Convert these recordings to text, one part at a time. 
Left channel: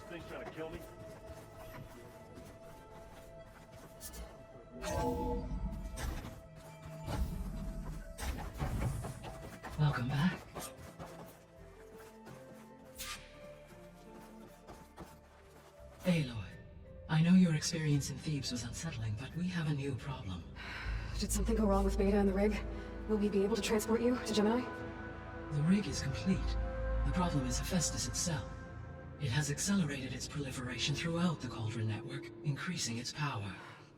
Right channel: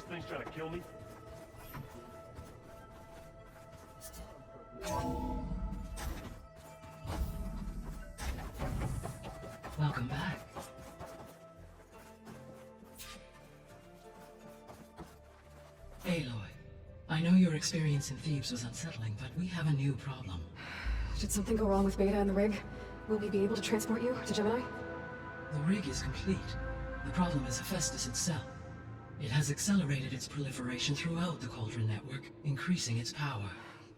this thing's trying to kill me? Welcome back. Aloy, I know your experience in Thebes was unsettling, but we have a new problem. Did something go wrong with Beta and the rig? Will we be able to transport you to Gemini? The rig is complete. The problem is HEPHAESTUS itself. It has accelerated its proliferation throughout the Cauldron network, increasing its power.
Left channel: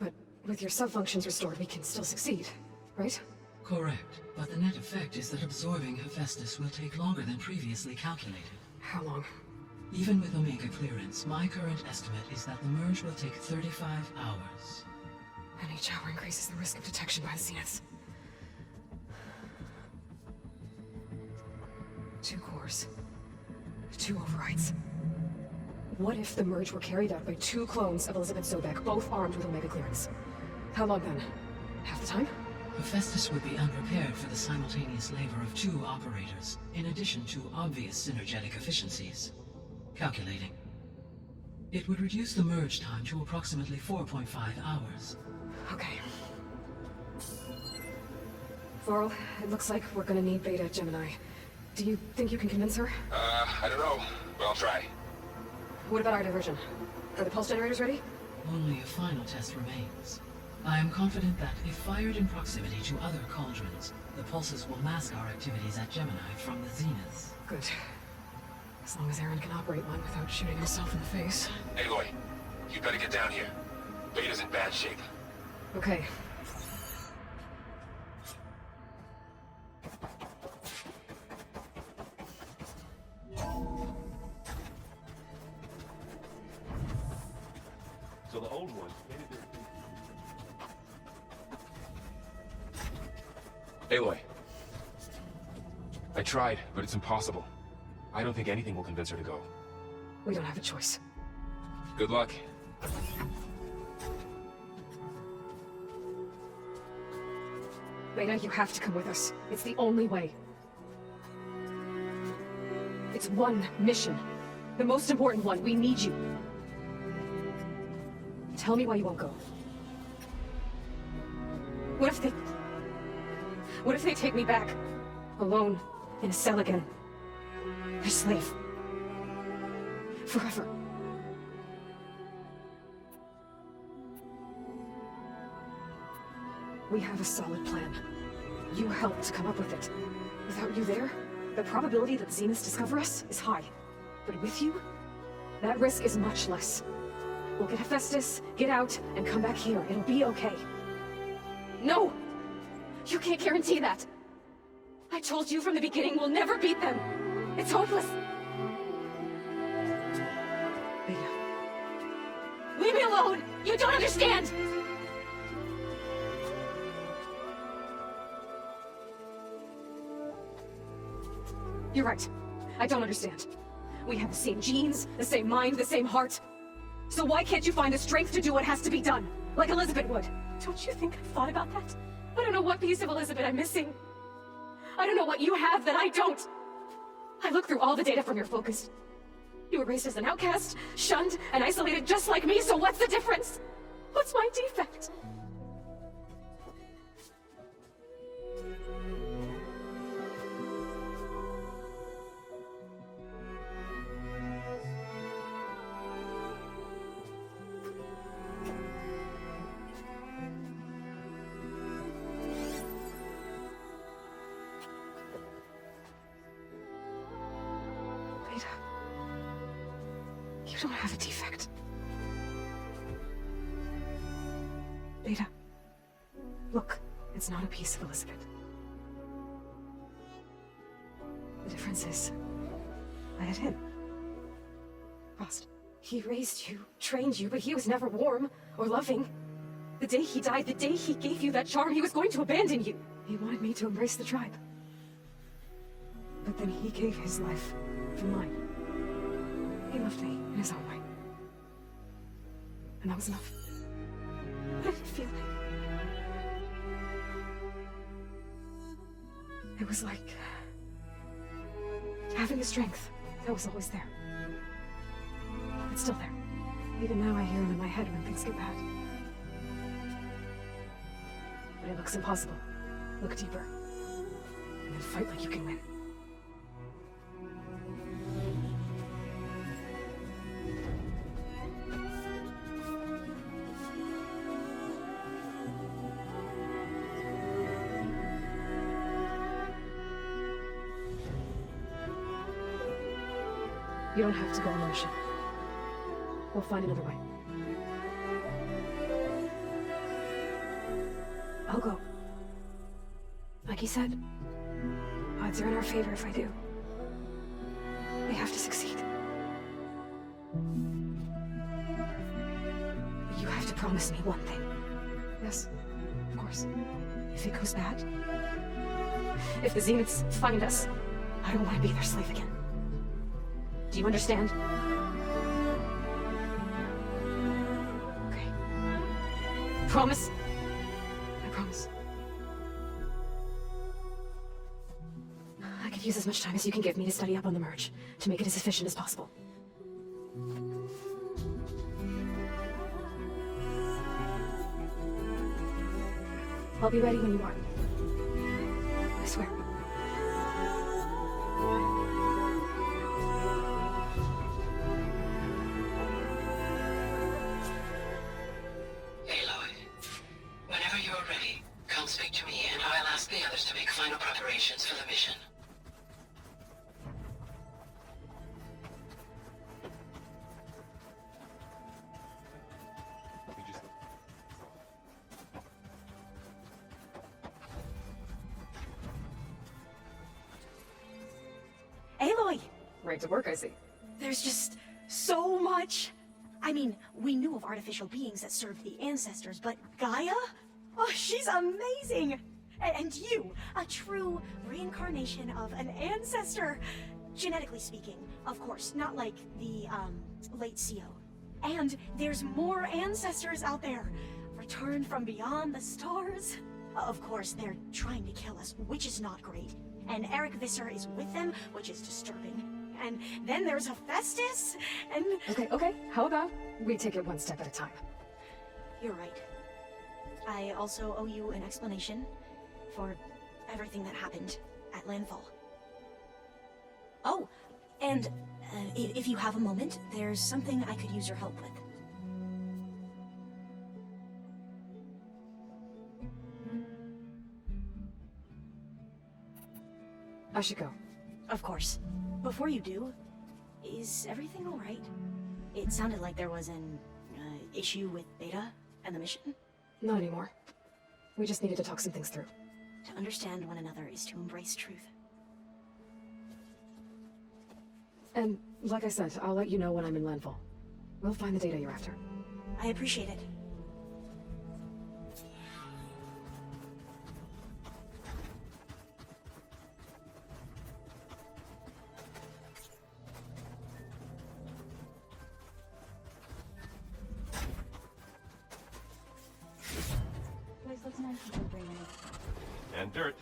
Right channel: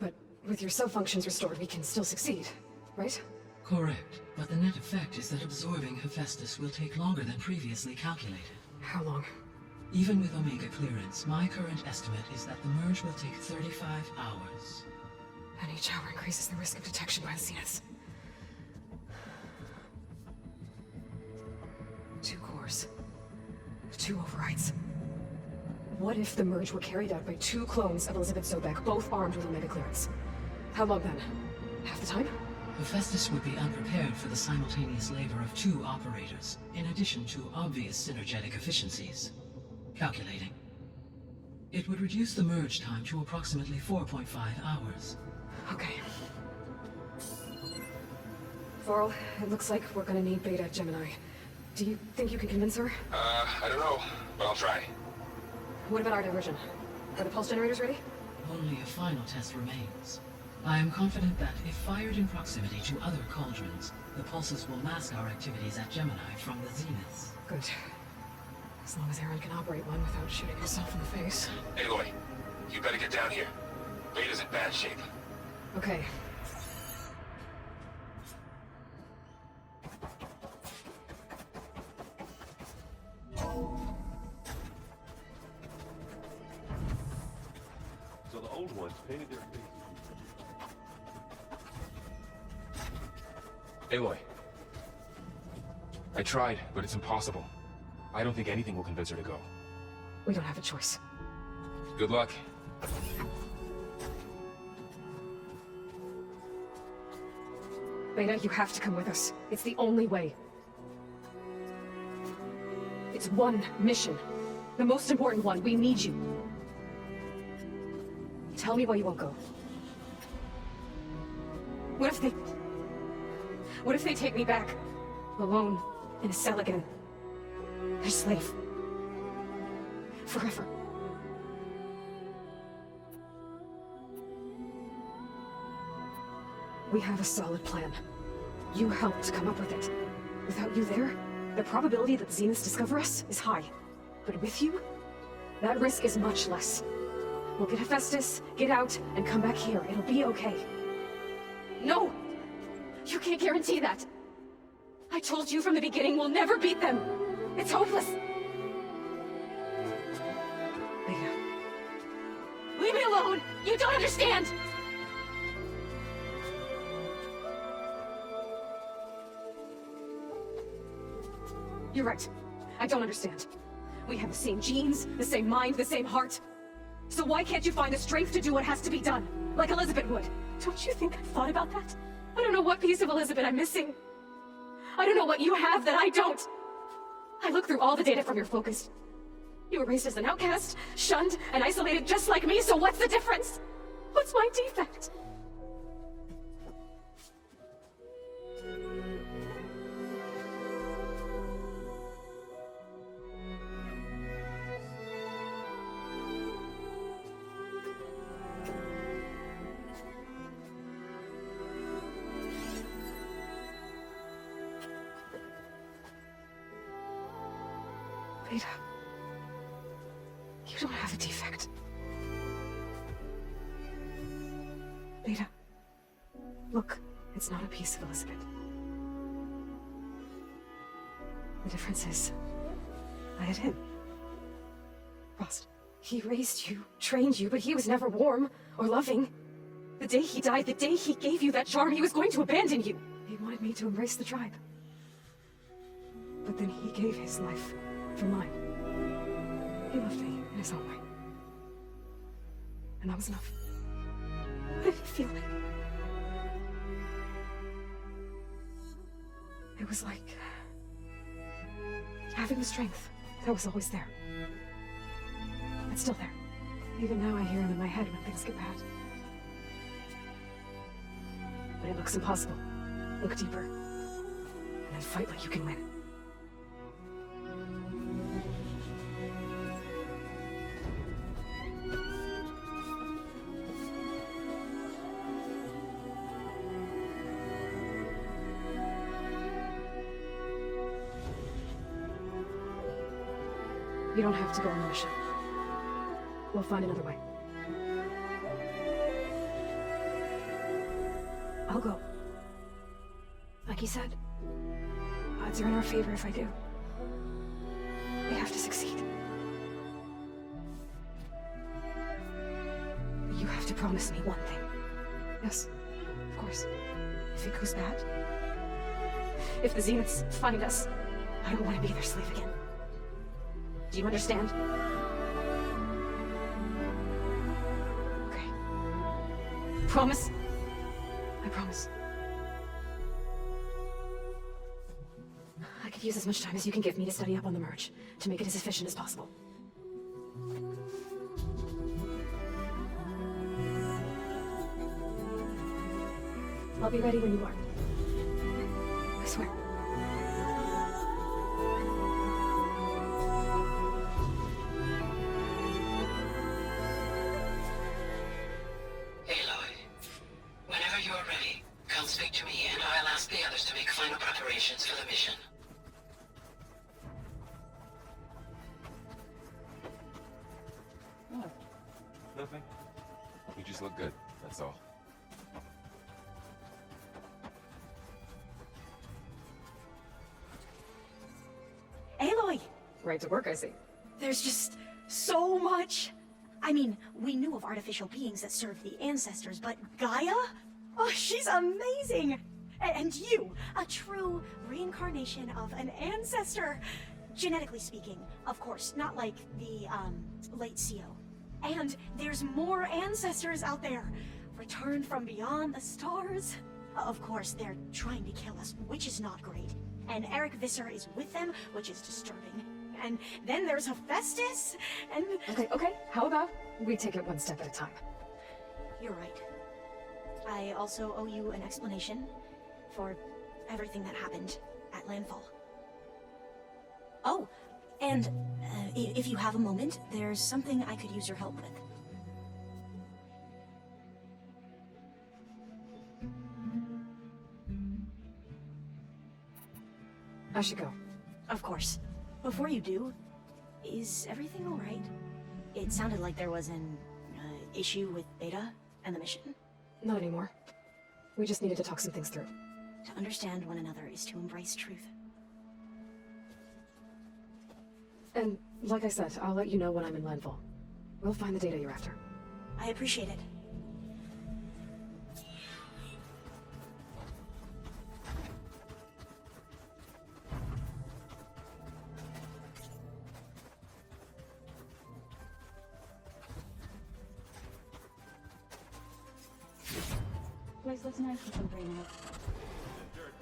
But with your cell functions restored, we can still succeed, right? Correct, but the net effect is that absorbing HEPHAESTUS will take longer than previously calculated. How long? Even with Omega clearance, my current estimate is that the merge will take 35 hours. And each hour increases the risk of detection by the Zeniths. 2 cores. 2 overrides. What if the merge were carried out by 2 clones of Elizabeth Sobek, both armed with Omega clearance? How long then? Half the time? HEPHAESTUS would be unprepared for the simultaneous labor of 2 operators, in addition to obvious synergetic efficiencies. Calculating. It would reduce the merge time to approximately 4.5 hours. Okay. Varl, it looks like we're gonna need Beta at Gemini. Do you think you can convince her? I don't know, but I'll try. What about our diversion? Are the pulse generators ready? Only a final test remains. I am confident that if fired in proximity to other cauldrons, the pulses will mask our activities at Gemini from the Zeniths. Good. As long as Aaron can operate one without shooting himself in the face. Aloy, you better get down here. Beta's in bad shape. Okay. So the old ones painted their feet. Aloy. I tried, but it's impossible. I don't think anything will convince her to go. We don't have a choice. Good luck. Beta, you have to come with us. It's the only way. It's one mission. The most important one. We need you. Tell me why you won't go. What if they take me back? Alone, in a cell again. A slave. Forever. We have a solid plan. You helped come up with it. Without you there, the probability that Zeniths discover us is high. But with you, that risk is much less. We'll get HEPHAESTUS, get out, and come back here. It'll be okay. No! You can't guarantee that! I told you from the beginning we'll never beat them! It's hopeless! Beta. Leave me alone! You don't understand! You're right. I don't understand. We have the same genes, the same mind, the same heart. So why can't you find the strength to do what has to be done? Like Elizabeth would. Don't you think I've thought about that? I don't know what piece of Elizabeth I'm missing. I don't know what you have that I don't. I looked through all the data from your focus. You were raised as an outcast, shunned, and isolated just like me, so what's the difference? What's my defect? Beta, you don't have a defect. Beta, look, it's not a piece of Elizabeth. The difference is, I had him. Frost. He raised you, trained you, but he was never warm or loving. The day he died, the day he gave you that charm, he was going to abandon you. He wanted me to embrace the tribe. But then he gave his life for mine. He loved me in his own way. And that was enough. I didn't feel it. It was like having the strength that was always there. It's still there. Even now I hear it in my head when things get bad. But it looks impossible. Look deeper. And then fight like you can win. You don't have to go on the mission. We'll find another way. I'll go. Like he said, odds are in our favor if I do. We have to succeed. But you have to promise me one thing. Yes, of course. If it goes bad, if the Zeniths find us, I don't want to be their slave again. Do you understand? Okay. Promise? I promise. I could use as much time as you can give me to study up on the merge, to make it as efficient as possible. I'll be ready when you are. I swear. Speak to me, and I'll ask the others to make final preparations for the mission. Nothing. You just look good, that's all. Aloy! Right to work, I see. There's just so much. I mean, we knew of artificial beings that served the ancestors, but Gaia? Oh, she's amazing! And you, a true reincarnation of an ancestor. Genetically speaking, of course, not like the, late CO. And there's more ancestors out there, returned from beyond the stars. Of course, they're trying to kill us, which is not great. And Eric Visser is with them, which is disturbing. And then there's HEPHAESTUS, and... Okay. How about we take it one step at a time? You're right. I also owe you an explanation for everything that happened at landfall. Oh, and if you have a moment, there's something I could use your help with. I should go. Of course. Before you do, is everything alright? It sounded like there was an issue with Beta and the mission. Not anymore. We just needed to talk some things through. To understand one another is to embrace truth. And, like I said, I'll let you know when I'm in landfall. We'll find the data you're after. I appreciate it. Place looks nice with some green in it. And dirt.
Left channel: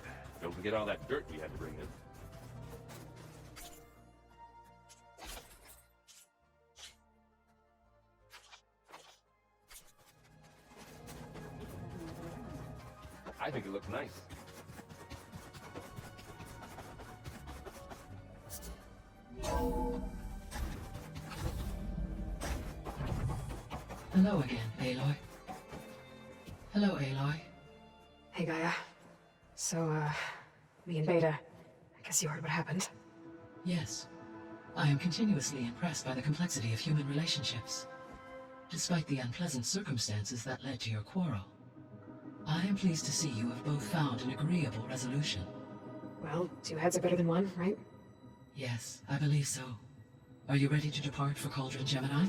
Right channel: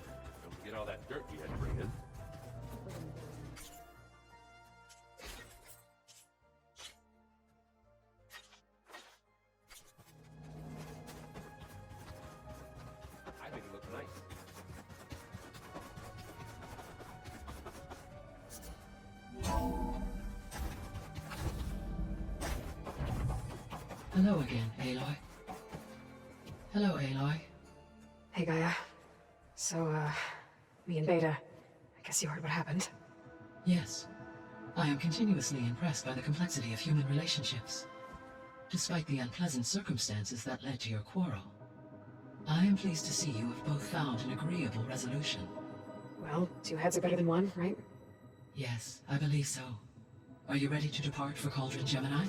Don't forget all that dirt we had to bring in. I think it looks nice. Hello again, Aloy. Hello, Aloy. Hey, Gaia. So, me and Beta, I guess you heard what happened. Yes. I am continuously impressed by the complexity of human relationships. Despite the unpleasant circumstances that led to your quarrel, I am pleased to see you have both found an agreeable resolution. Well, 2 heads are better than 1, right? Yes, I believe so. Are you ready to depart for Cauldron, Gemini?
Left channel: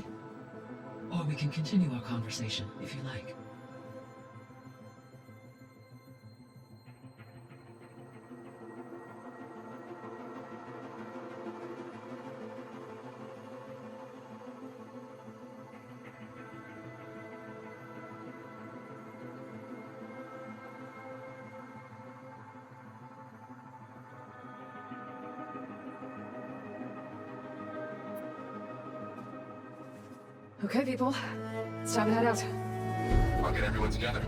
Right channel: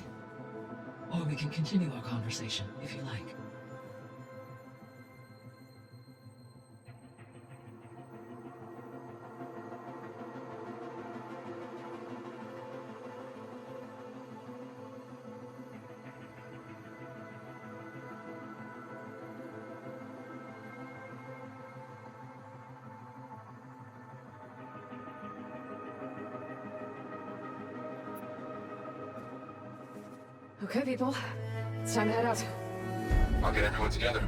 Or we can continue our conversation, if you like. Okay, people. It's time to head out. I'll get everyone together.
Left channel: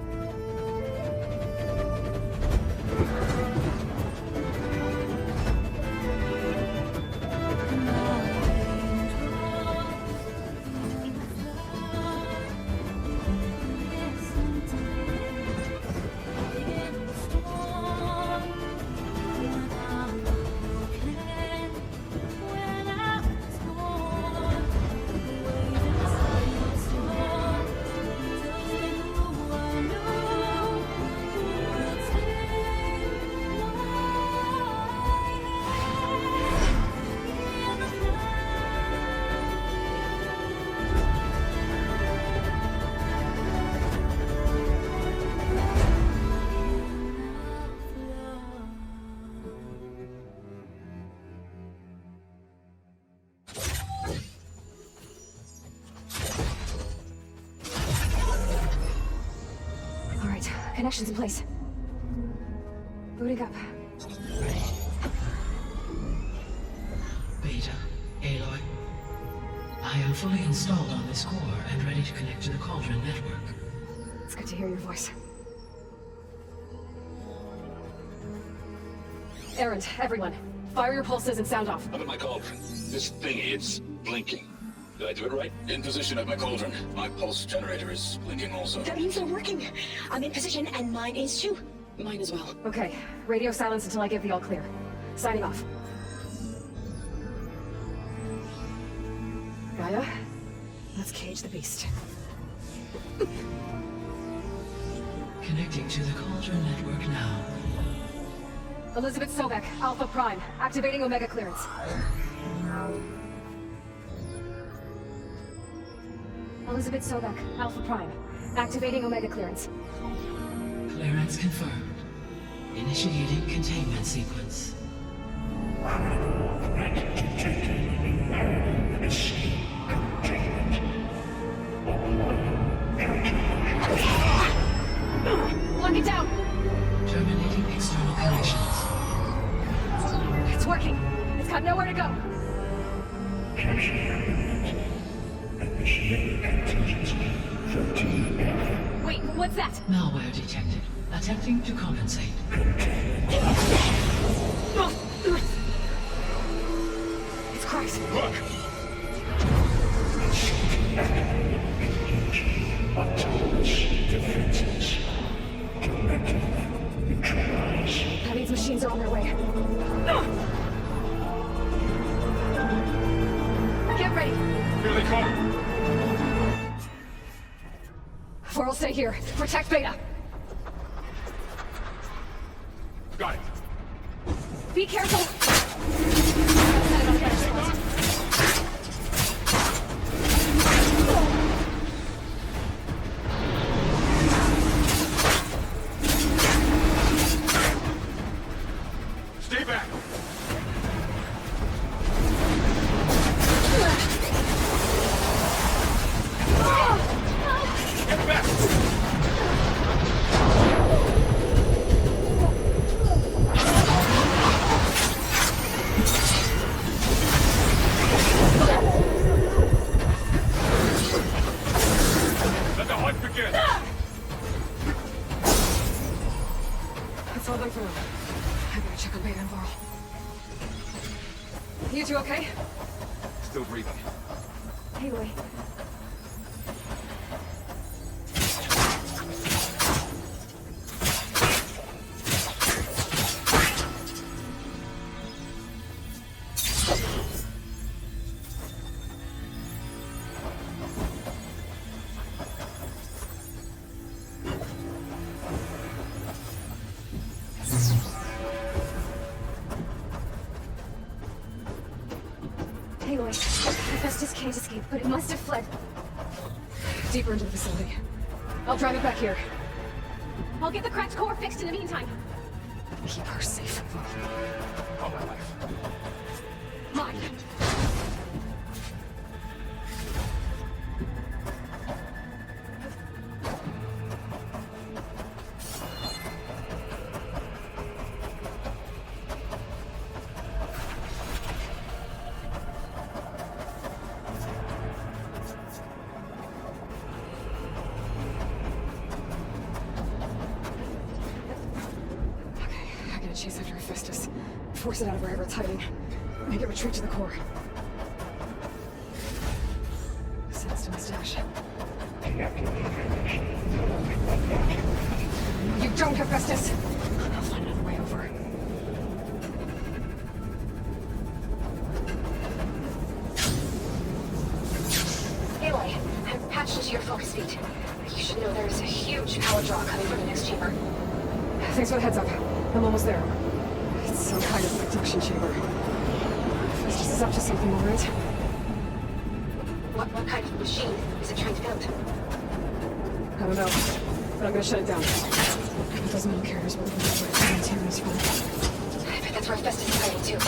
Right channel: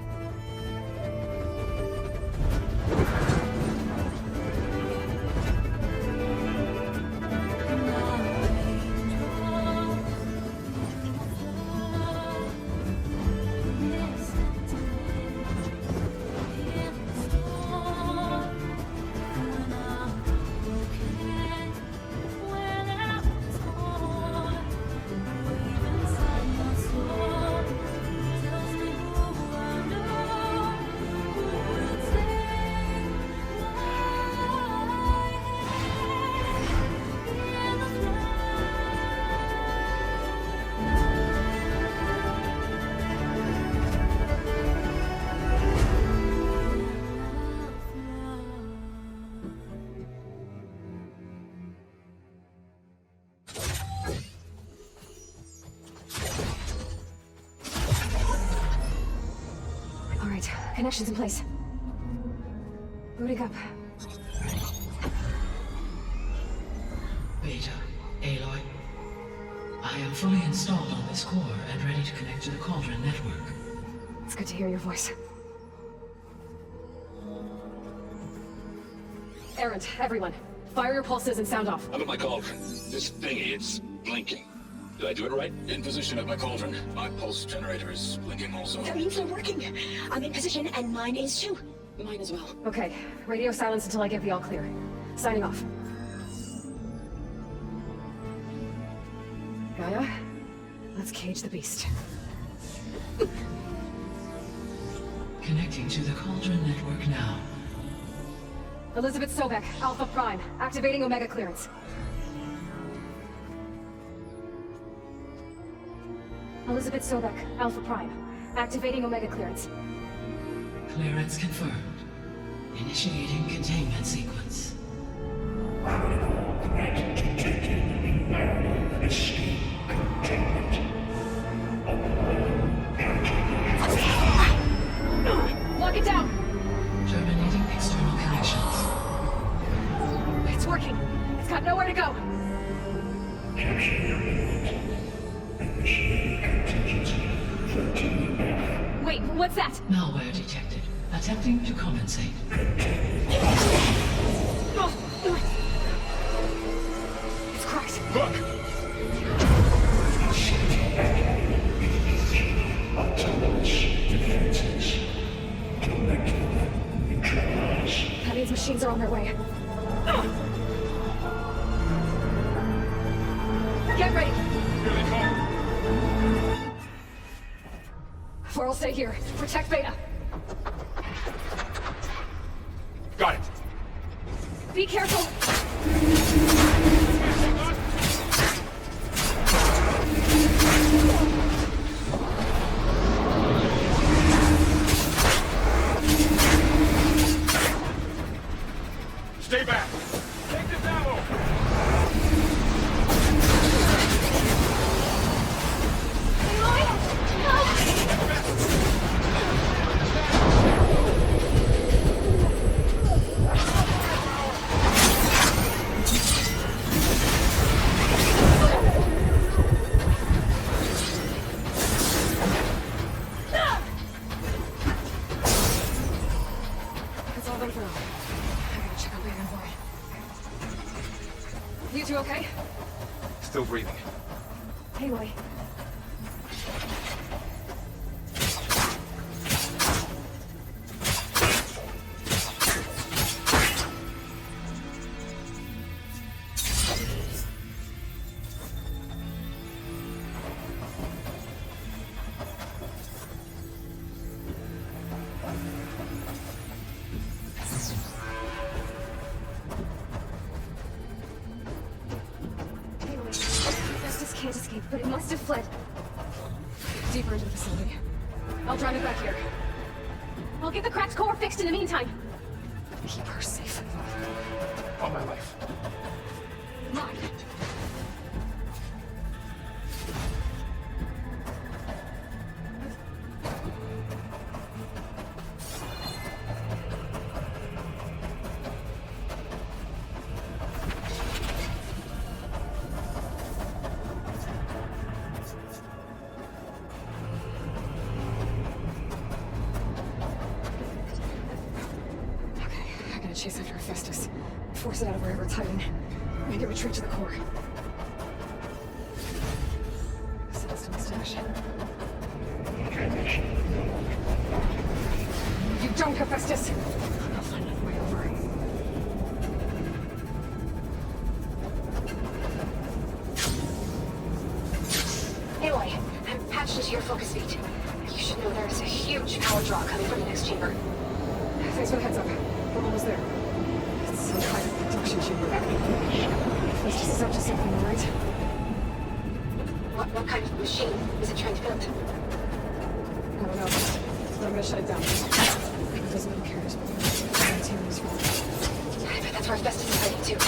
All right, connections in place. Booting up. Beta, Aloy. I am fully installed on this core and ready to connect to the Cauldron network. It's good to hear your voice. Errand, everyone. Fire your pulses and sound off. I'm at my cauldron. This thingy, it's blinking. Did I do it right? In position at my cauldron. My pulse generator is blinking also. That means they're working. I'm in position, and mine is too. Mine as well. Okay, radio silence until I get the all clear. Signing off. Gaia, let's cage the beast. Connecting to the Cauldron network now. Elizabeth Sobek, Alpha Prime, activating Omega clearance. Elizabeth Sobek, Alpha Prime, activating Omega clearance. Clearance confirmed. Initiating containment sequence. Lock it down! Terminating external connections. It's working. It's got nowhere to go. Wait, what's that? Malware detected. Attempting to compensate. Oh. It's cracked. Look! That means machines are on their way. Get ready. Here they come! Varl, stay here. Protect Beta. Got it. Be careful. Stay back. Take this ammo. Get back. Let the hunt begin. It's all confirmed. I gotta check on Beta and Varl. You two okay? Still breathing. Aloy. Aloy. Estes can't escape, but it must have fled. Deeper into the facility. I'll drive it back here. I'll get the cracked core fixed in the meantime. Keep her safe. On my life. Mine. chase after Hephaestus. Force it out of wherever it's hiding. Make it retreat to the core. Sense to missed action. You don't, Hephaestus! I'll find another way over. Aloy, I'm patched into your focus feed. You should know there is a huge power draw coming from the next chamber. Thanks for the heads up. I'm almost there. It's some kind of production chamber. Hephaestus is up to something, all right? What kind of machine is it trying to build? I don't know, but I'm gonna shut it down. Those metal carriers will be the antennas from I bet that's where Hephaestus is heading to.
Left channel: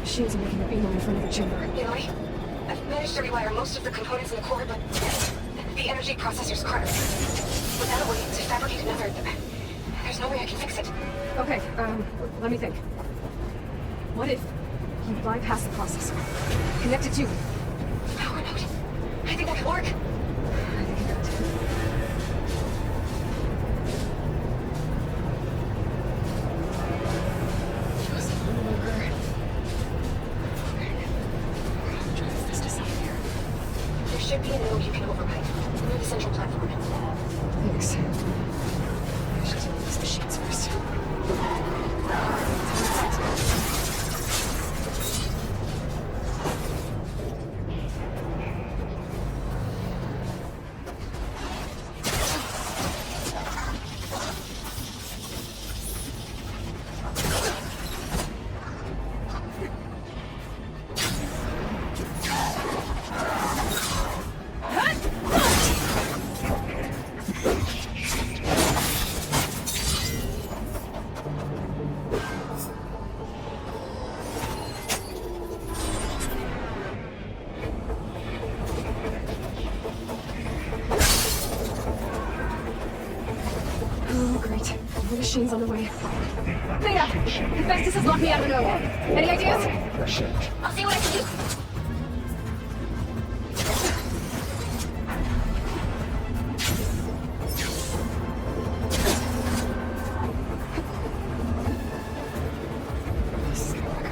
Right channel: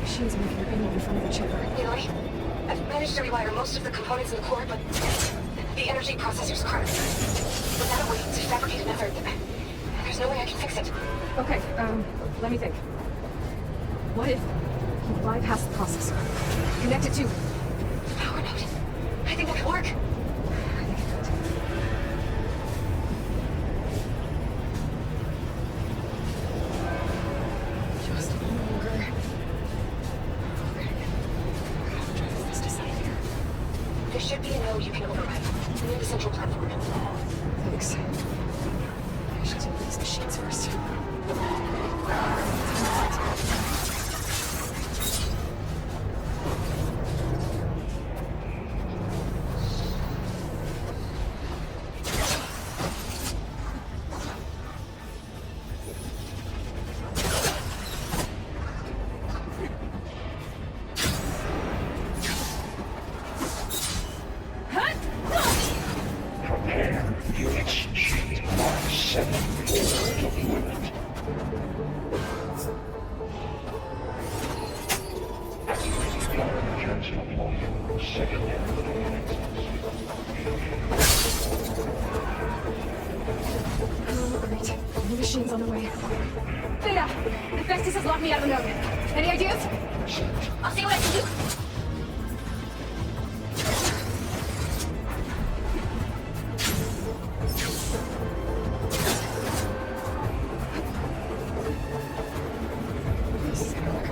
Machines are making your in front of the chamber. Aloy, I've managed to rewire most of the components in the core, but the energy processor's cracked. Without a way to fabricate another, there's no way I can fix it. Okay, let me think. What if you bypass the processor? Connect it to... Power node. I think that could work. There should be a node you can override. Near the central platform. Thanks. I should take these machines first. Machine's on the way. Theta! Hephaestus has locked me out of a node. Any ideas? I'll see what I can do. This is gonna work.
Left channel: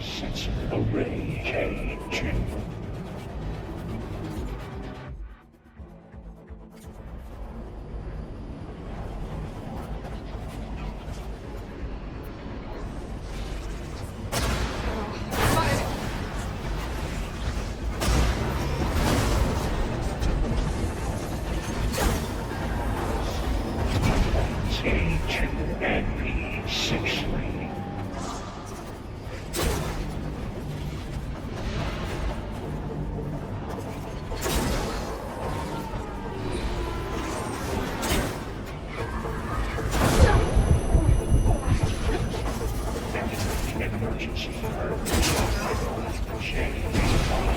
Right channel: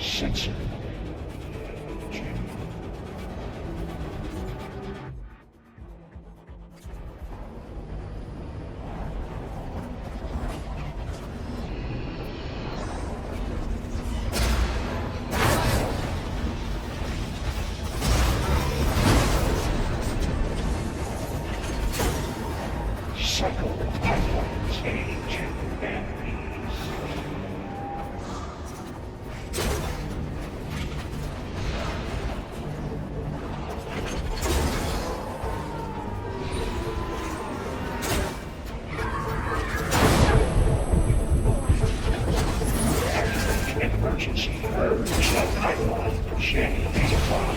Sensor array cage. Second pylons age MP6. Emergency. Pipeline change supply.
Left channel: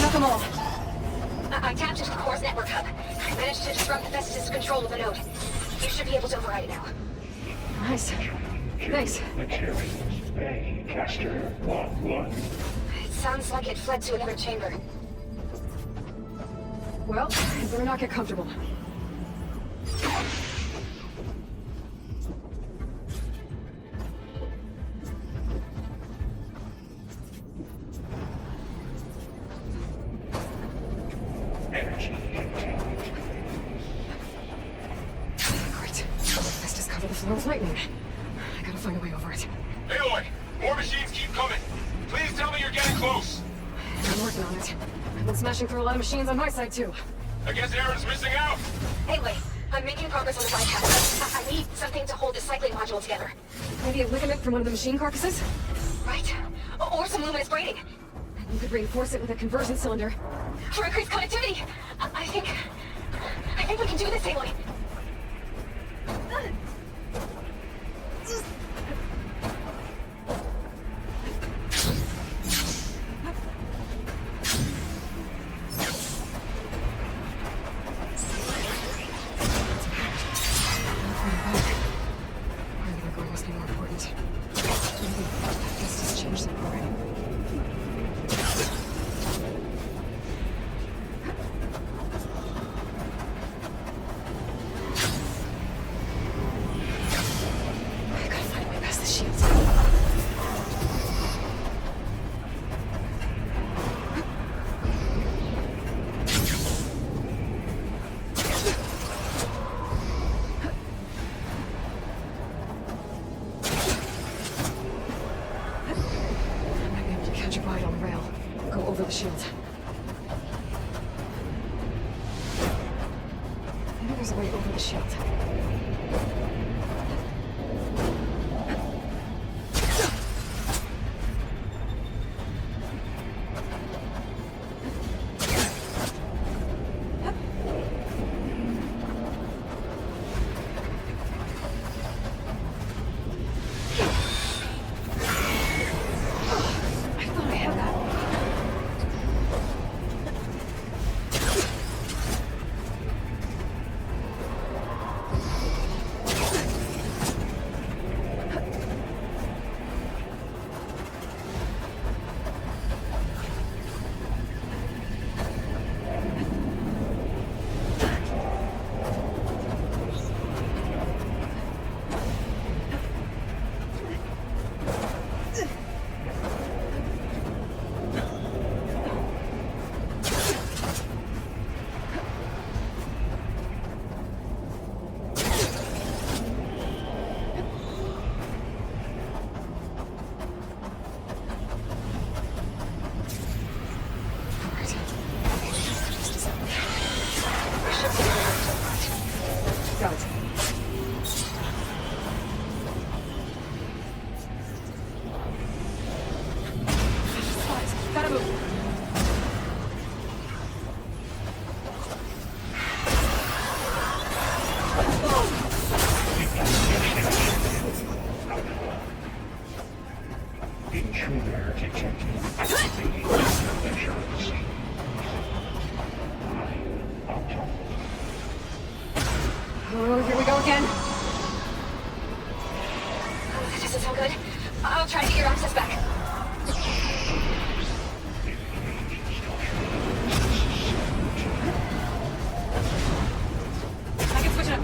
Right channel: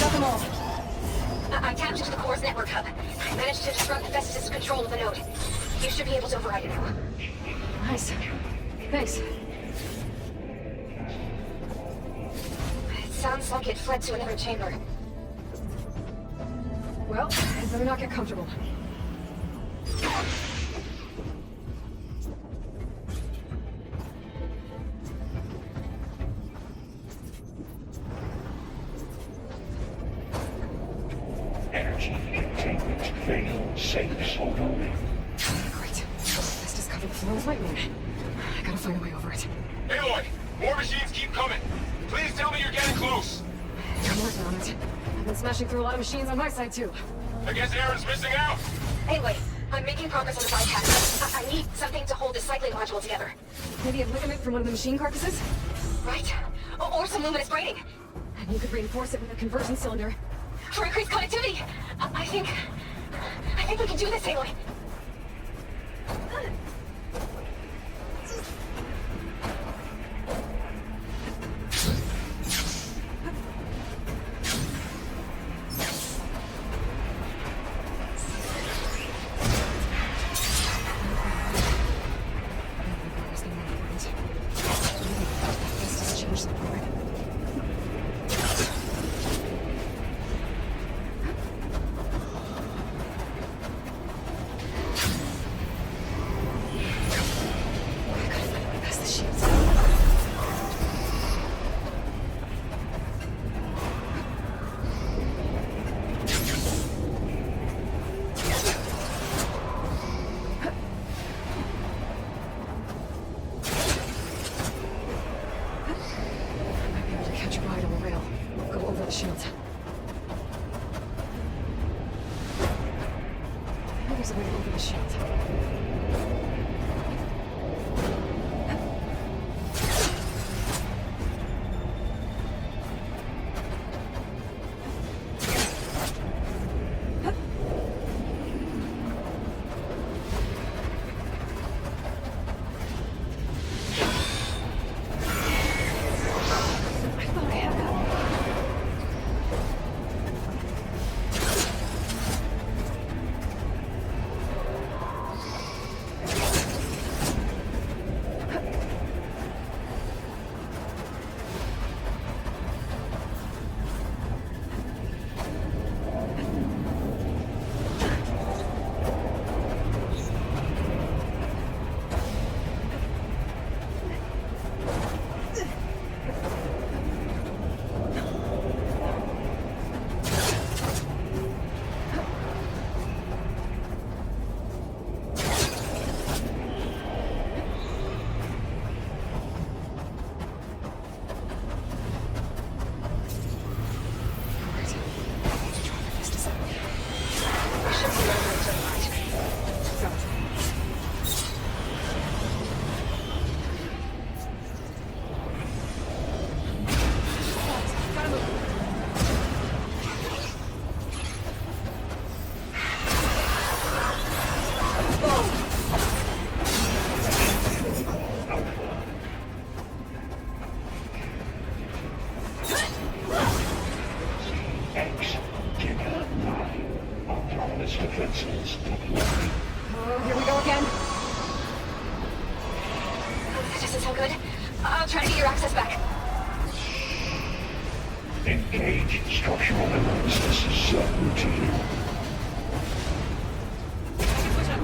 Got them all. I tapped into the core's network hub. I managed to disrupt Hephaestus' control of the node. You should be able to override it now. Nice. Thanks. Caster 1-1. It sounds like it fled to another chamber. Well, I better not get comfortable. Energy containment failed. Safe zone. Great. Let's just cover the floor with lightning. I gotta find a way over it. Aloy, more machines keep coming. Please tell me you're getting close. I'm working on it. I've been smashing through a lot of machines on my side, too. I guess Aaron's missing out. Anyway, I'm making progress on the bypass. I need something to hold the cycling module together. Maybe a ligament from one of the machine carcasses? Right? Or some luminous braiding. And you could reinforce it with a conversion cylinder. For increased connectivity. I think we can do this, Aloy. There's a way over the shield. Oh, here we go again. This is so good. I'll try to get your access back. Engage structural elements. This is subroutine. I can switch it up.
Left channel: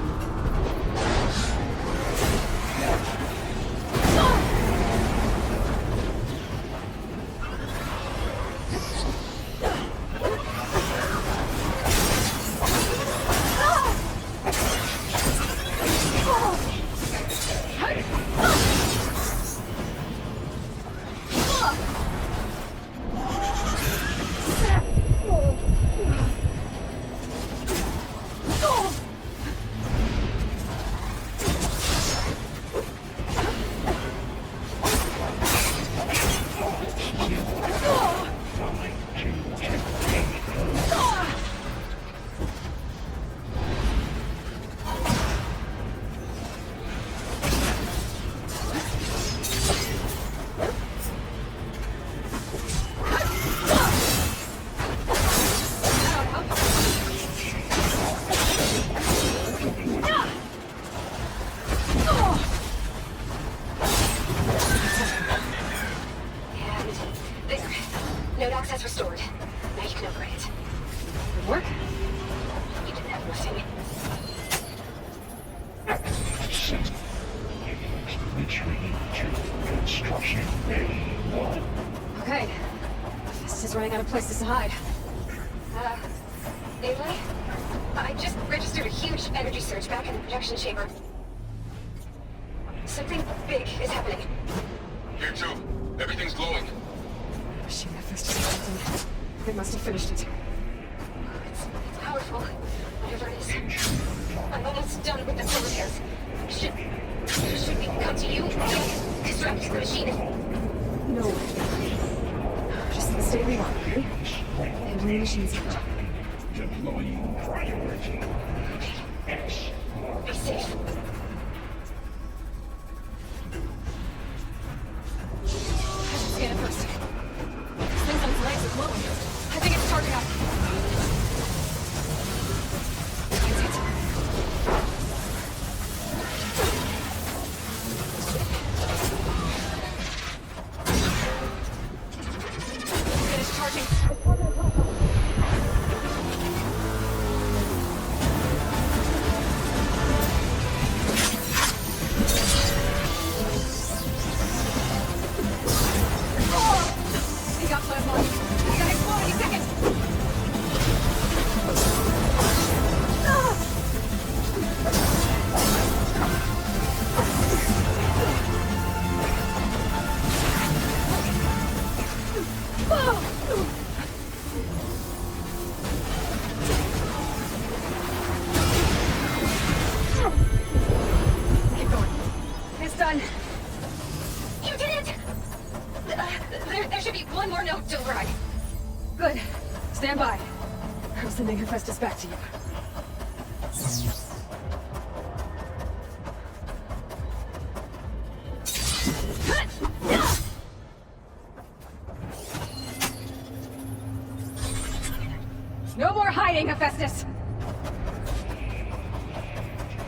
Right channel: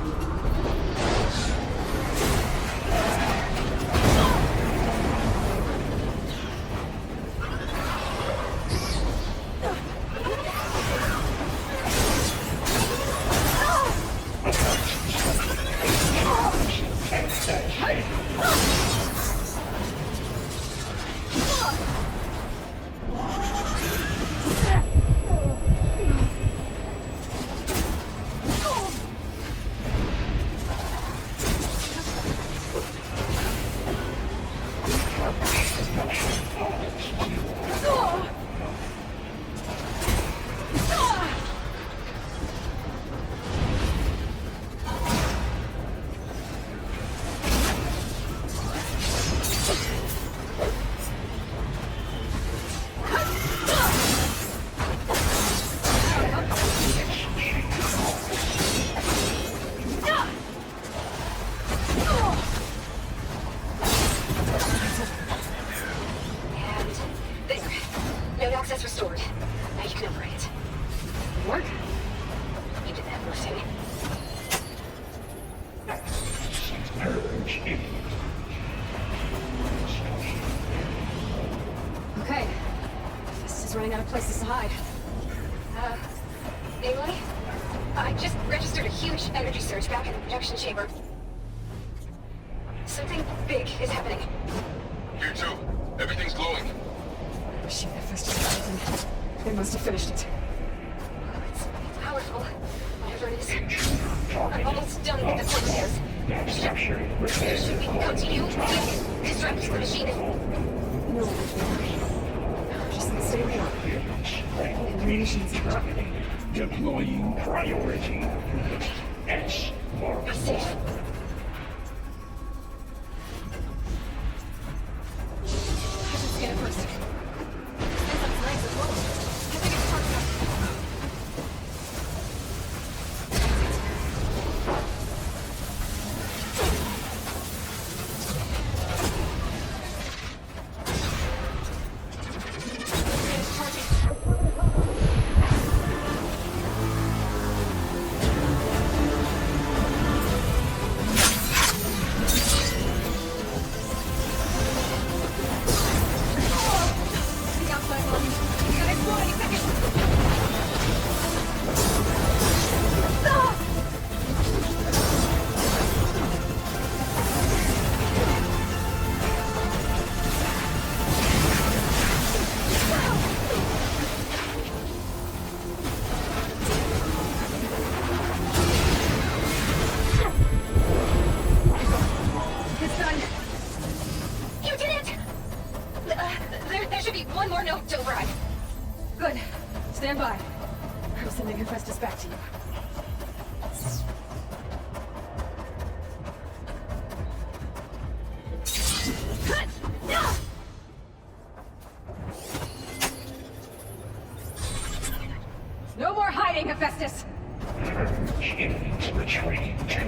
There. Node access restored. Now you can operate it. Work? running out of places to hide. Emily? I just registered a huge energy surge back in the production chamber. Something big is happening. Here too. Everything's glowing. The machine that Festus left in. They must have finished it. It's powerful, whatever it is. I'm almost done with the repairs. Should we come to you? Disrupt the machine? No. Just stay real, okay? And the machine's out. Deploying priority. Be safe. I should scan it first. This thing's on its legs as well. I think it's target active. That's it. Finish charging. Take out my body. You gotta explode any second. It's done. You did it! There should be one more note to override. Good. Stand by. I'm sending Hephaestus back to you. No more hiding, Hephaestus! Returning to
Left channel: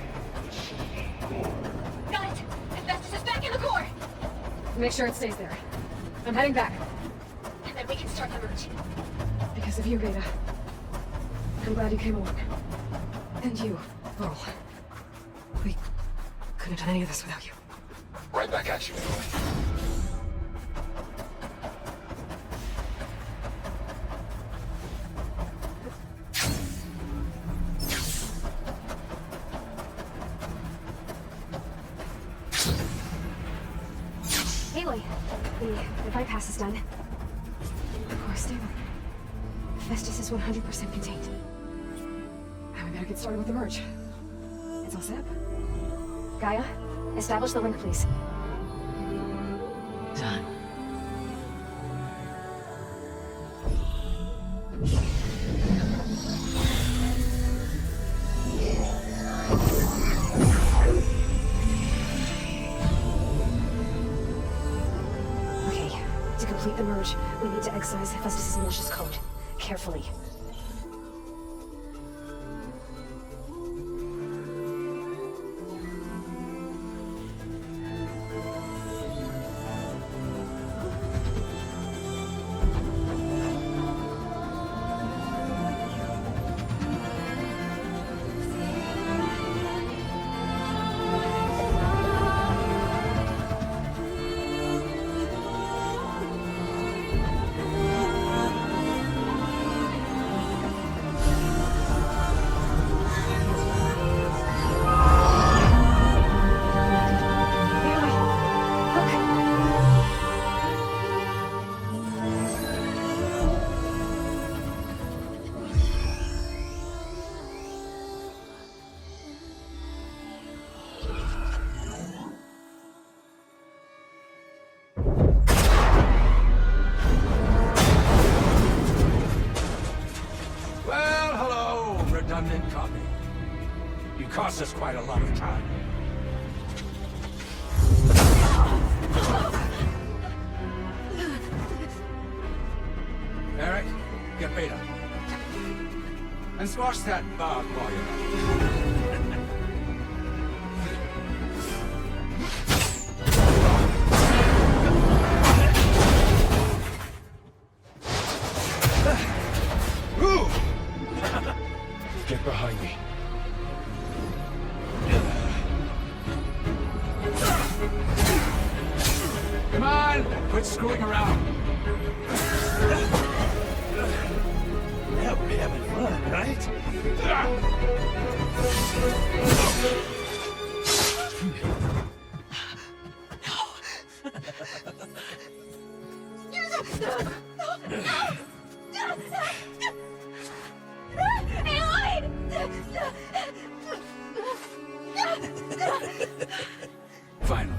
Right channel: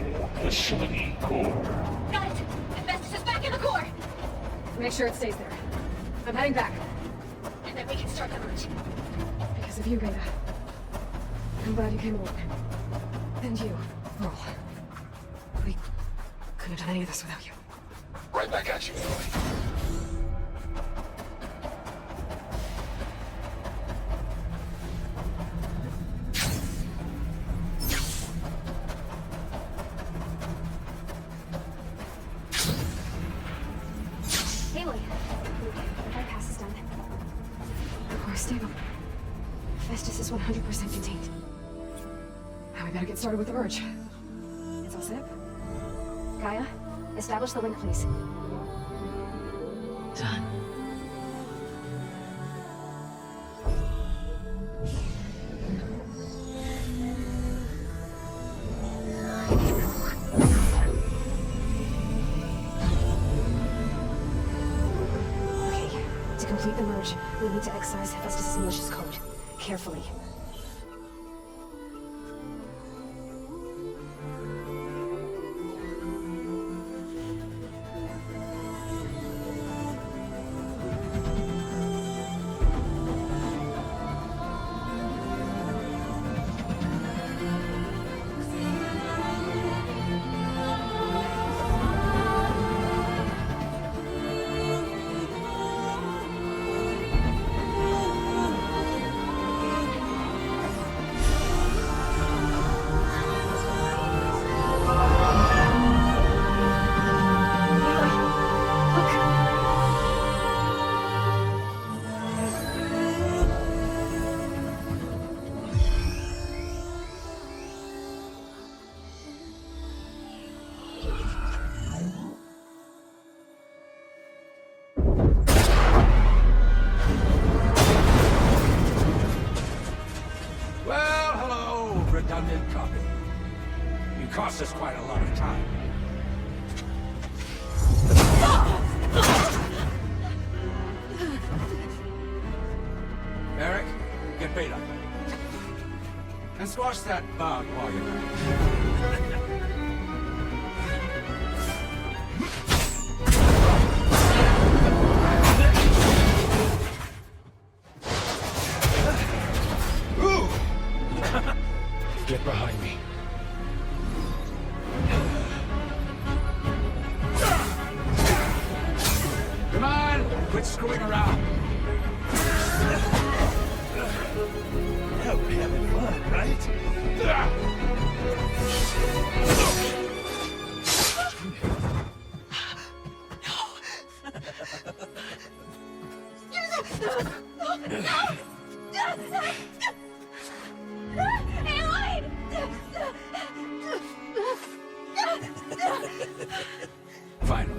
the city core. Got it! Hephaestus is back in the core! Make sure it stays there. I'm heading back. And then we can start the merge. Because of you, GAIA. I'm glad you came along. And you, Varl. We couldn't have done any of this without you. Right back at you, Emily. Aloy, the bypass is done. The core is stable. Festus is 100% contained. Now we better get started with the merge. It's all set up. Gaia, establish the link, please. Done. Okay, to complete the merge, we need to excise Hephaestus' malicious code. Carefully. Well, hello, redundant copy. You cost us quite a lot of time. Eric, get Beta. And squash that bug while you're at it. Get behind me. Come on, quit screwing around. having fun, right? Finally.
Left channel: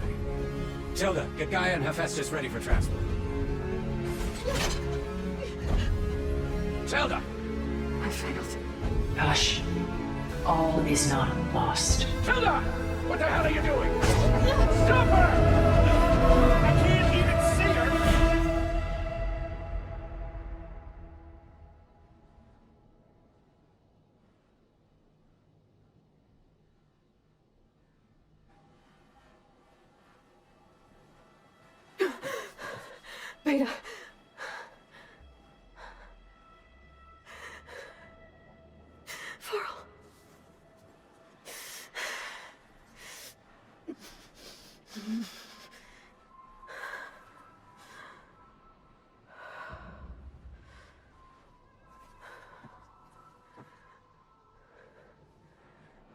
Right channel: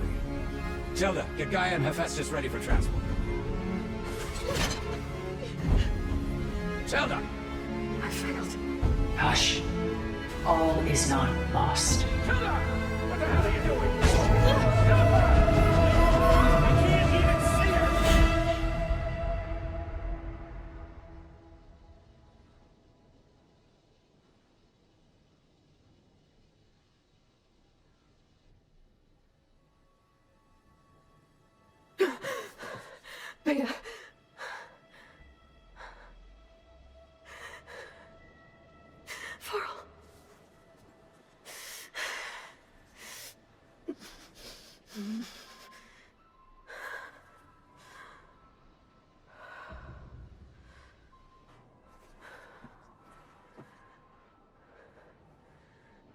Tilda, get Gaia and Hephaestus ready for transport. Tilda! I failed. Hush. All is not lost. Tilda! What the hell are you doing? Stop her! I can't even see her! Beta. Varl.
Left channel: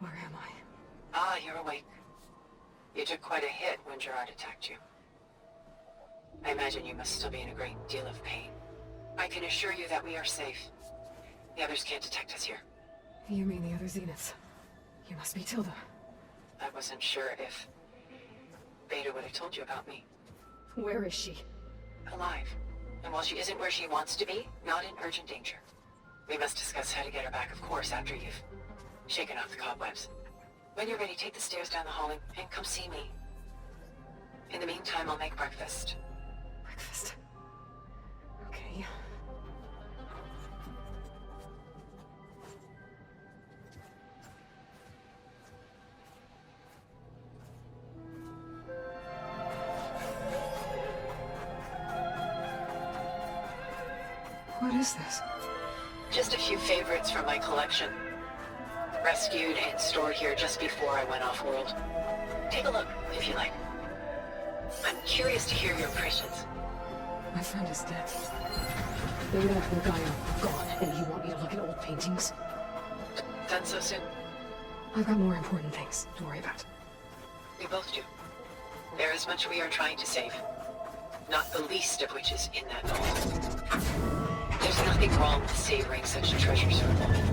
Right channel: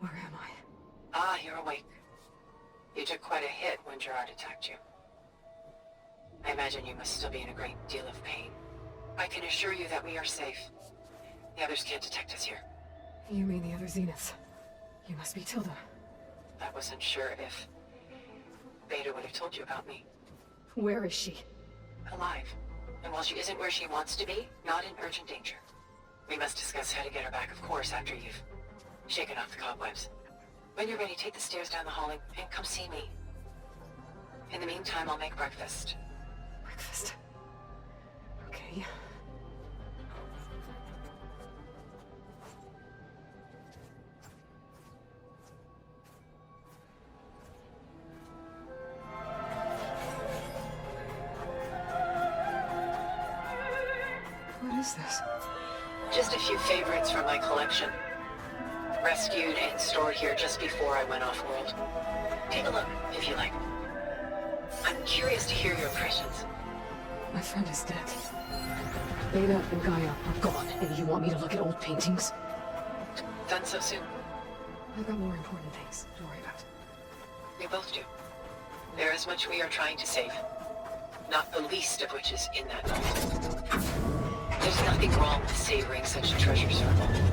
Where am I? Ah, you're awake. You took quite a hit when Gerard attacked you. I imagine you must still be in a great deal of pain. I can assure you that we are safe. The others can't detect us here. You mean the other Zeniths? You must be Tilda. I wasn't sure if Beta would have told you about me. Where is she? Alive. And while she isn't where she wants to be, not in urgent danger. We must discuss how to get her back, of course, after you've shaken off the cobwebs. When you're ready, take the stairs down the hallway and come see me. In the meantime, I'll make breakfast. Breakfast. Okay. What is this? Just a few favorites from my collection. Rescued and stored here just before I went off-world. Take a look, if you like. I'm curious to hear your impressions. My friend is dead. Beta and Gaia are gone, and you want me to look at old paintings? Done so soon? I've got more important things to worry about. We both do. There is much we are trying to save. Not the least of which is in that note. There's nothing wrong with savoring such treasures for a moment.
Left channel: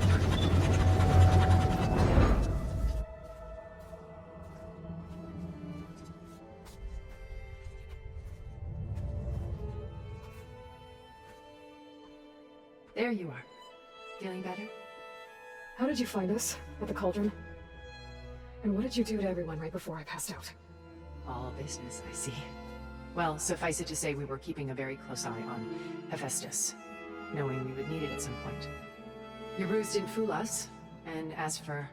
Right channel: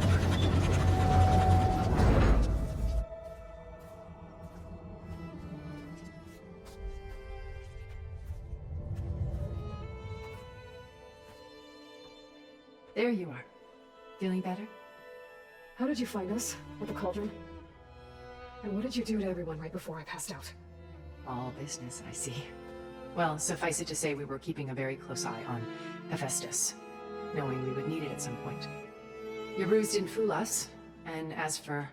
There you are. Feeling better? How did you find us? At the Cauldron? And what did you do to everyone right before I passed out? All business, I see. Well, suffice it to say we were keeping a very close eye on HEPHAESTUS, knowing we would need it at some point. Your ruse didn't fool us, and as for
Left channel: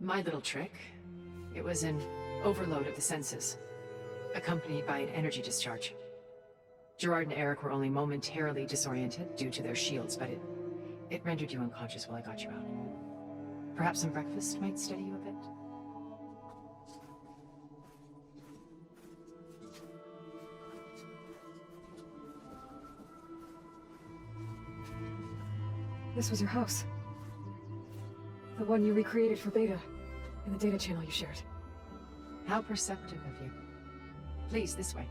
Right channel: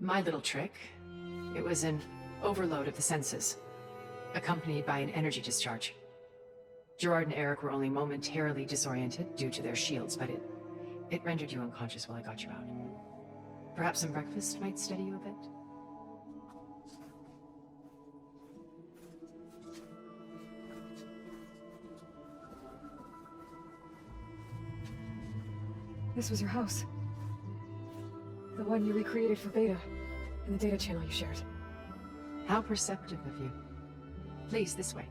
my little trick, it was an overload of the senses, accompanied by an energy discharge. Gerard and Eric were only momentarily disoriented due to their shields, but it rendered you unconscious while I got you out. Perhaps some breakfast might steady you a bit? This was your house. The one you recreated for Beta, in the data channel you shared. How perceptive of you. Please, this way.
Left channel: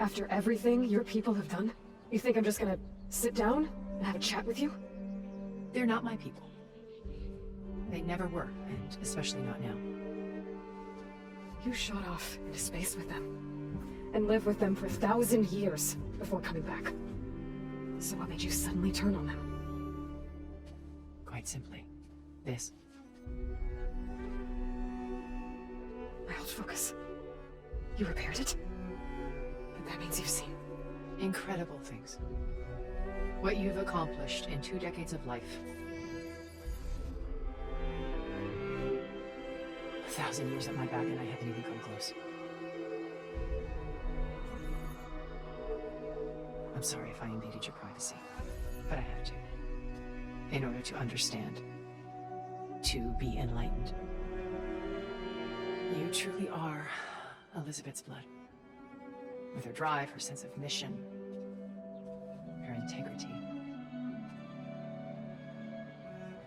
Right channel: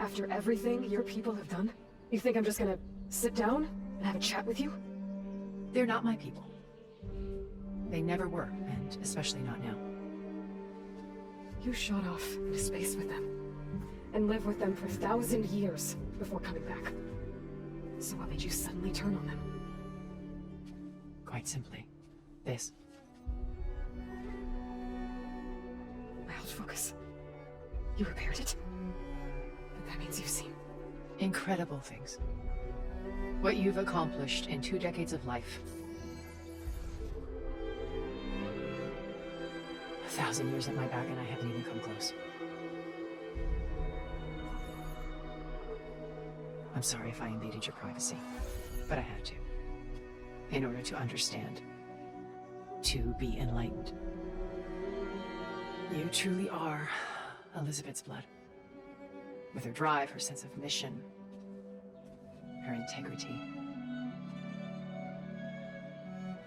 After everything your people have done, you think I'm just gonna sit down and have a chat with you? They're not my people. They never were, and especially not now. You shot off into space with them, and lived with them for 1,000 years before coming back. So what made you suddenly turn on them? Quite simply, this. My old focus. You repaired it? But that means you've seen incredible things. What you've accomplished in 2 decades of life. 1,000 years at my back and I haven't even come close. I'm sorry if I invaded your privacy, but I had to. In order to understand. To be enlightened. You truly are Elizabeth's blood. With her drive, her sense of mission. her integrity.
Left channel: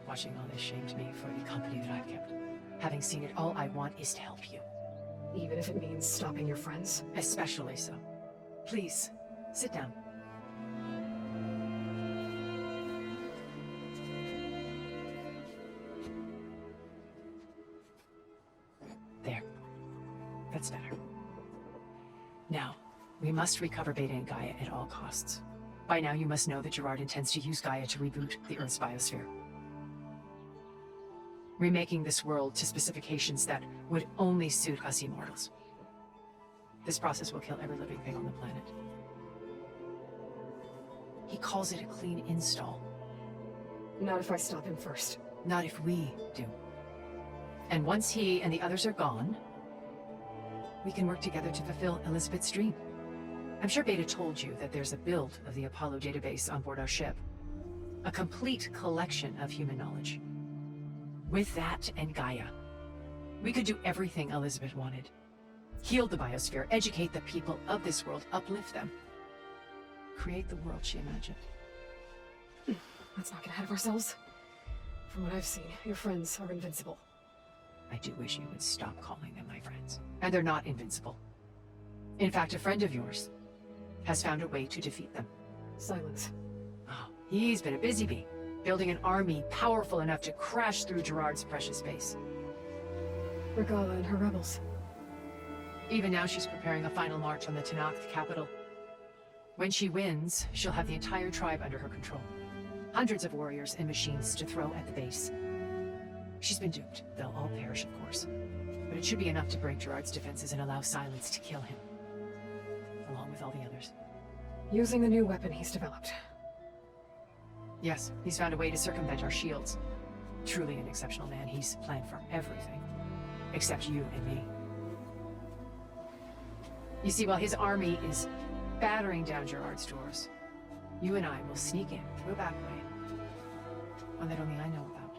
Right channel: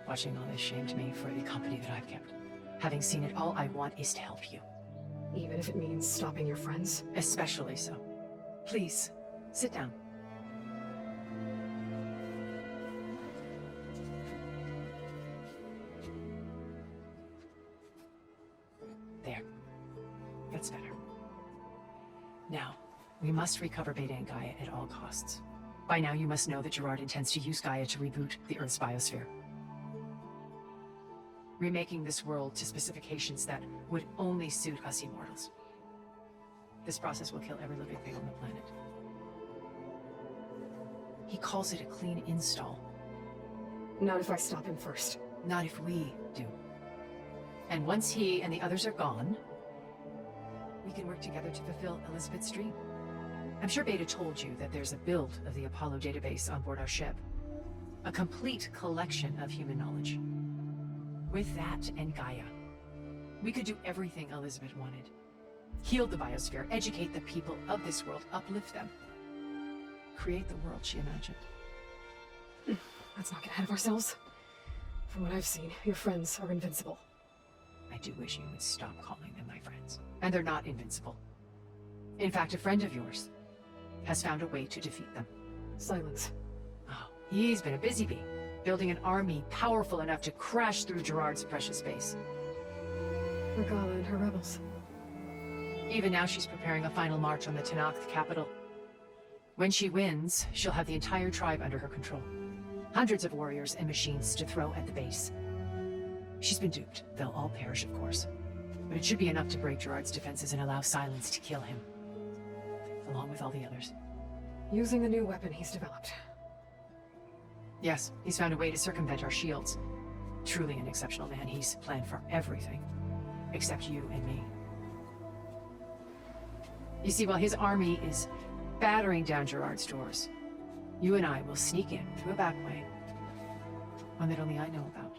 Watching all this shamed me for the company that I've kept. Having seen it, all I want is to help you. Even if it means stopping your friends? Especially so. Please, sit down. There. That's better. Now, we must recover Beta and Gaia at all costs. By now, you must know that Gerard intends to use Gaia to reboot the Earth's biosphere. Remaking this world to specifications that would only suit us immortals. This process will kill every living thing on the planet. He calls it a clean install. Not if I stop him first. Not if we do. And once he and the others are gone, we can work together to fulfill Elizabeth's dream. I'm sure Beta told you that there's a build of the Apollo database on board our ship. A complete collection of human knowledge. With that and Gaia, we could do everything Elizabeth wanted. Heal the biosphere, educate the people of this world, uplift them. Create the world she imagined. Let's not get ahead of ourselves. From what I've seen, your friends are invincible. I do wish you would stop calling them my friends. And they're not invincible. In fact, a friend of yours has found a way to defeat them. Silence. Oh, he's been a busy bee, building an army powerful enough to crash through Gerard's precious base. Regala and her rebels. Even now she's preparing a final march on the Tanakh capital. When she wins, she'll have the entire tribe under her control. Hundreds of warriors and machines to throw at the base. She's been duped. They'll all perish, of course. But it should be enough to break Gerard's defenses and allow Silence to kill him. Along with all the others. Using the new weapon he's developed. Yes, he's found a way to circumvent our shields. Truly an exceptional man. He's planned for everything. Except you and me. You see, while his army is battering down Gerard's doors, you and I will sneak in through a back way. One that only I know about.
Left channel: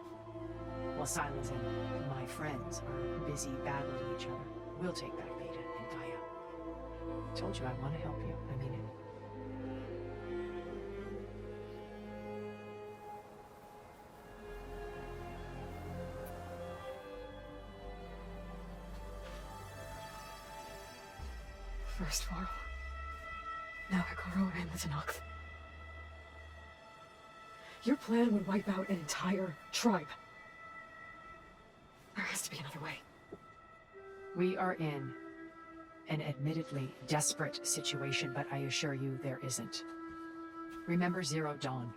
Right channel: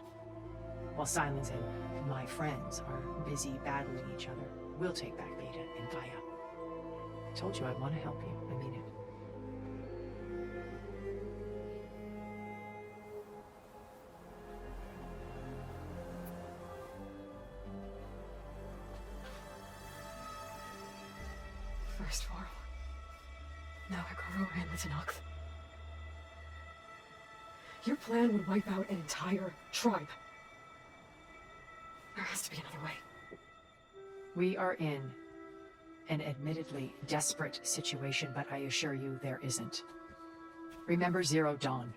While Silence and my friends are busy battling each other, we'll take back Beta and Gaia. I told you I want to help you. I mean it. First Varl. Now Hikaru and the Tanakh. Your plan would wipe out an entire tribe. There has to be another way. We are in an admittedly desperate situation, but I assure you there isn't. Remember Zero Dawn.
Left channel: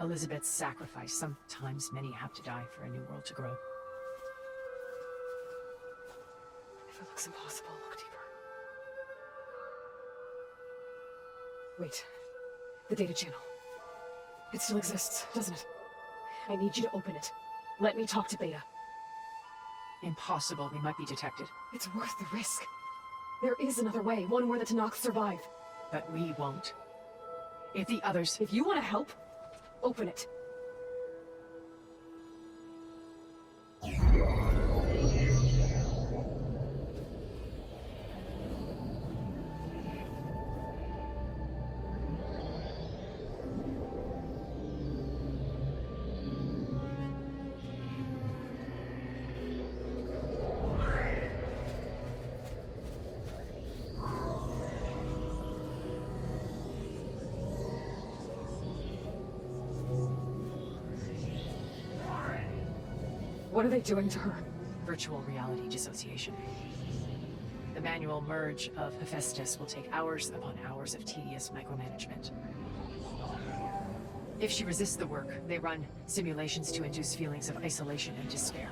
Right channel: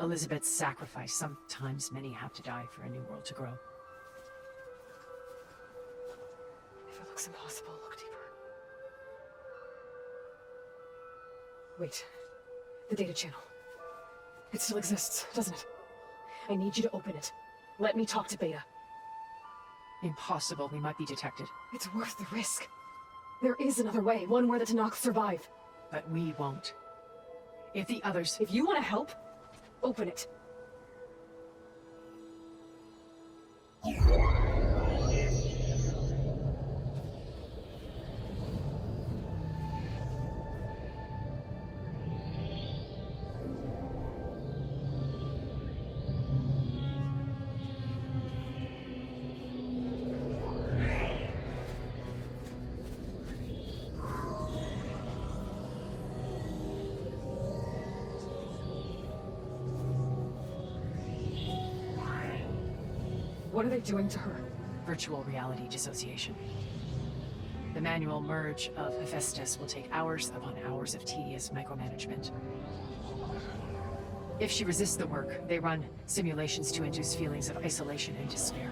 Elizabeth's sacrifice. Sometimes many have to die for a new world to grow. If it looks impossible, look deeper. Wait. The data channel. It still exists, doesn't it? I need you to open it. Let me talk to Beta. Impossible. We might be detected. It's worth the risk. There is another way, one where the Tanakh survive. But we won't. If the others... If you want to help, open it. What are they doing to her? Virtual reality dissociation. The manual merge of HEPHAESTUS will take hours upon hours of tedious micromanagement. If she resists the work, they run simulations to induce feelings of isolation and despair.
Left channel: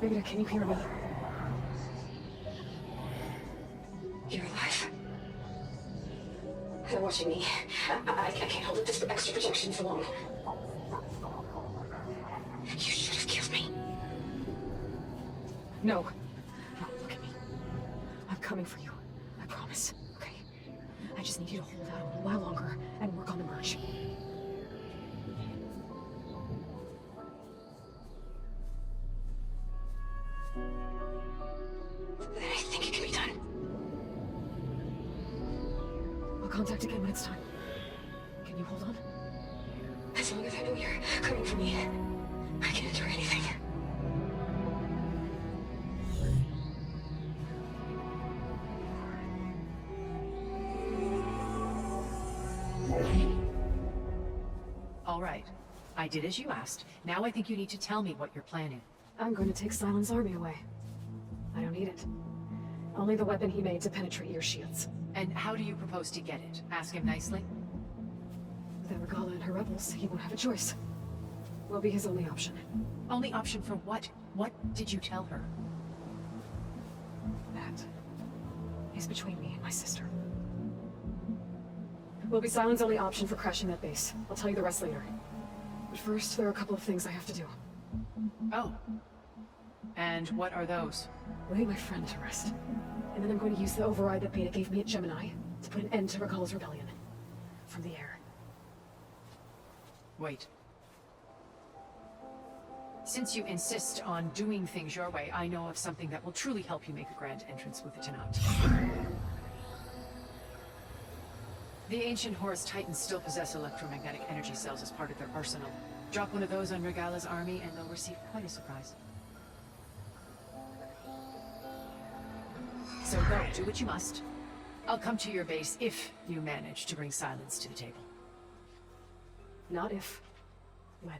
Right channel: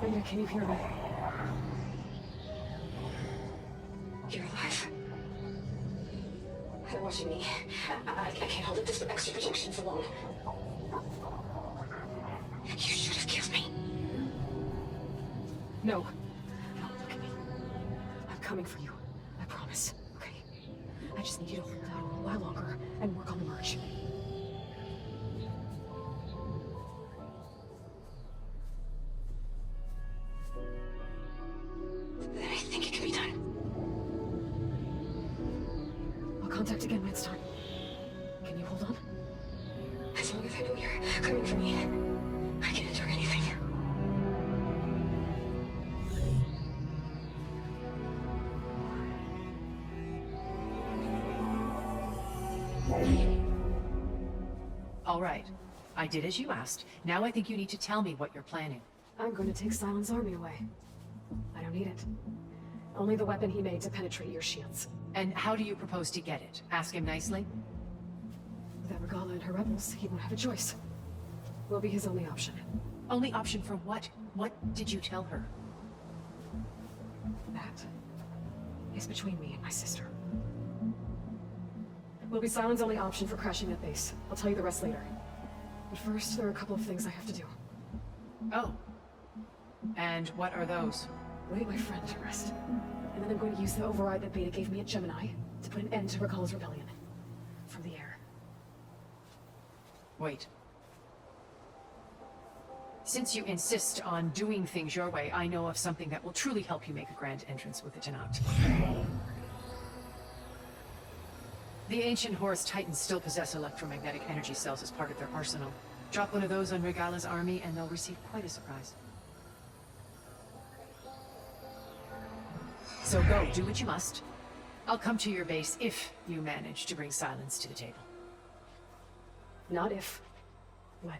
Beta, can you hear me? You're alive. They're watching me. I can't hold up this extra protection for long. You should have killed me. No. No, look at me. I'm coming for you. I promise, okay? I just need you to hold out a while longer and work on the merge. I think it can be done. contact again when it's time. Can you hold on? As long as I know you're coming for me, I can endure anything. All right. I did as you asked. Now I think you need to tell me what you're planning. I'm going to take Silent's army away. I don't need it. Only the weapon he made to penetrate your shields. And how do you propose to get it? Ask him nicely? Without Regala and her rebels, he won't have a choice. We'll be his only option. Only option for what? What did you tell her? That is between me and my sister. We'll be Silent's only option for crashing that base. I'll tell you the rest later. But first, there are a couple of things I have to do. Oh. And what are those? Lay my friend to rest. And then I'm going to use the override that Beta gave me at Gemini to put an end to Regala's rebellion. From the air. Wait. Since you insist on doing things your way, I know of something that will truly help you make a grand entrance with it out. The ancient Horus Titans still possess electromagnetic energy cells as part of their arsenal. Drop one of those on Regala's army and they'll receive quite a surprise. So go, do what you must. I'll come to your base if you manage to bring Silence to the table. Not if. When.